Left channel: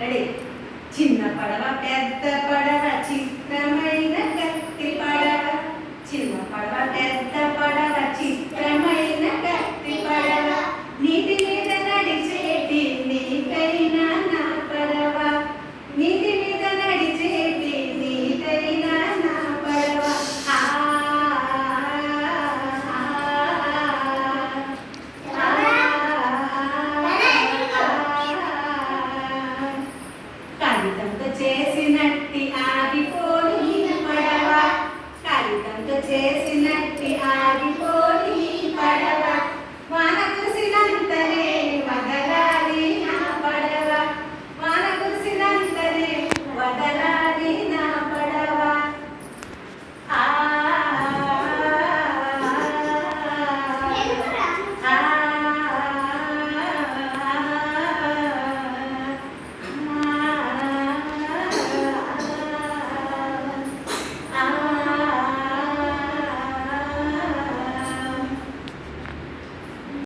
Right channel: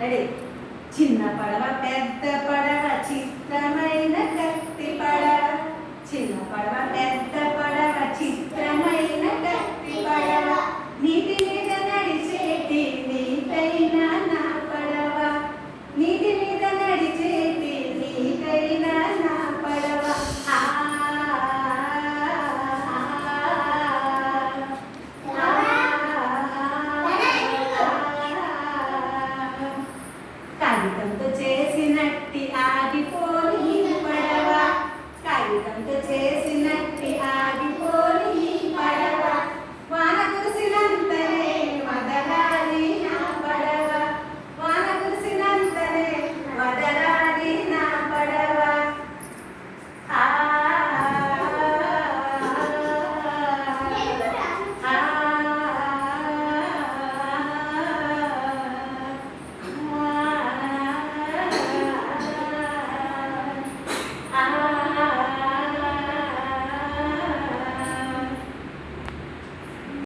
Ready. చిన్న పడవ పెద్ద పడవ చిత్రమైన కత్తి పడవ, చిన్న పడవ పెద్ద పడవ చిత్రమైన కత్తి పడవ, నీటి మీద నడిచేటి నీటైన నా పడవ, నీటి మీద నడిచేటి నీటైన నా పడవ. కాగితం